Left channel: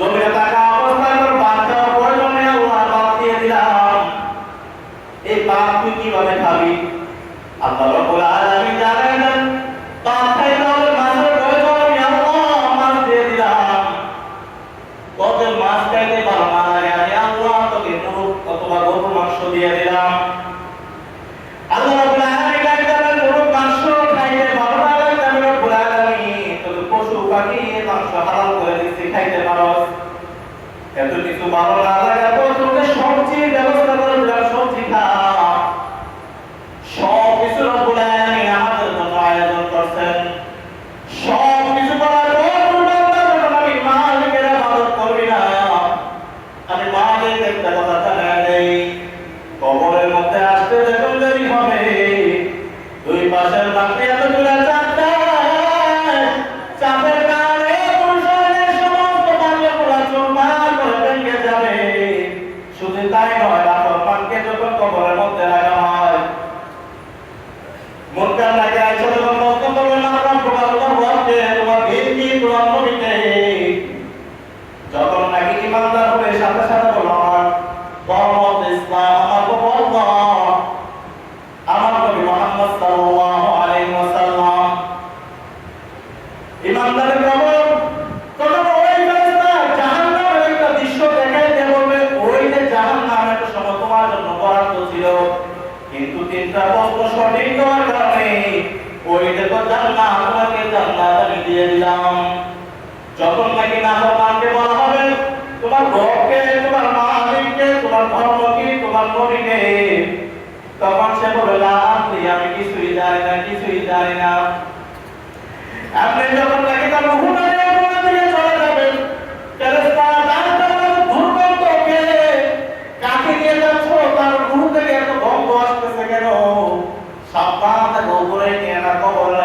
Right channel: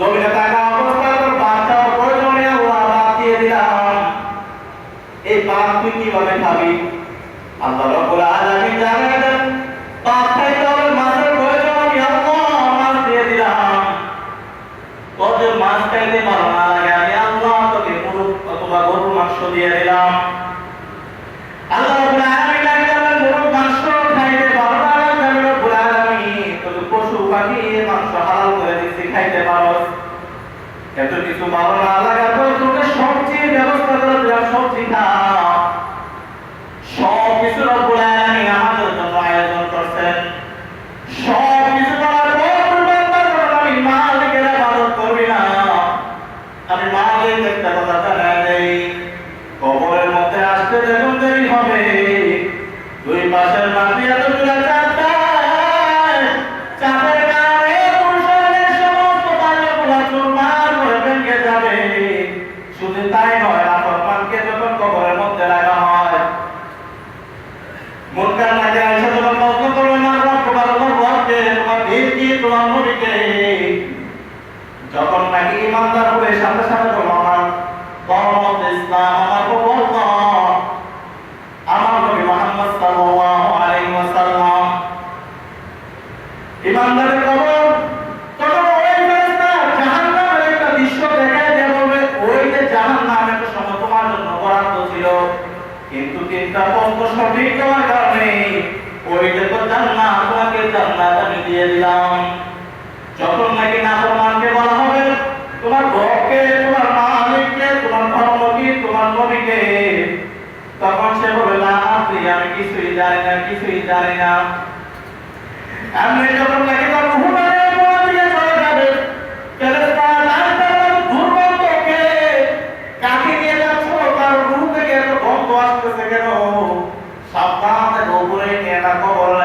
জমিনে থাকা অবস্থায় তোর বাচ্চা প্রয়োজনে বাদ দিলাম। এই পাপ তুই কীভাবে খাবি? আল্লাহ রব্বুল আলামিন খাইতে হলে মাছের প্রয়োজন দিয়ে দিলাম। তোদের মাছ খাইতে ভালো না লাগে, আমি আল্লাহ গরুর মাংস দিয়ে দিলাম। আল্লাহ রাব্বুল আলামিন একদমের মুরুখ মাংস খাইতে পশু পাখি, মাংস হালাল করে দিচ্ছি, খাইতে পারো। এত কিছু ভালো লাগার পর তোকে সবজির ব্যবস্থা করে দিলাম সবজি সব কিছু রব্বুল আলামিন আমাদের জন্য আয়োজন করছেন। সব করার মালিকের করবি না। আমি মালিক একটা কথা দেই, কবরের মধ্যে আসতে যখন দেরি হবে, দুই পাশের মাটি এত দূরে চারটায় চাপের কারণে পুরুষের সমস্ত বাড়িগুলো চুরমার করে ভেঙে যাবে শুধু তাই নয় নাফরমানকে যখন কবরের মধ্যে রাখা হয় মুনকার নাকি আয়েশা যখন প্রশ্ন করবে না তোমার তোমার রবকে তোমার ভিড় কি তোমার নবীকে যখন নাকি ইমানদার হবে সাথে সাথে বলো আমার ধর্ম ইসলাম আমার নবী মুহাম্মদ সাল্লাল্লাহু আলাইহি ওয়াসাল্লাম। ইমানদারের কবর তখন ওই ফেরেশতা জাহান্নামের একটা দৃশ্য দেখায় দিয়ে ওই যে জাহান্নাম একটা তোমার জন্য বরাদ্দ ছিল, কিন্তু তিনটা প্রশ্ন সঠিক হওয়ার কারণে ওই দেখো জান্নাত, তোমাকে জান্নাত আমি দিয়ে দিলাম। যখন নাকি নাফরমানকে বলা হবে, তোমার আমি কিছুই জানি না, কিছুই জানি না। আমরা যখন তাকে তার মুহুমানের উপর দিয়ে চলে যাবে। কাকে নিয়ে যাচ্ছ? তার রুহ থেকে এত গল্প আসতেছে কেন? না খবর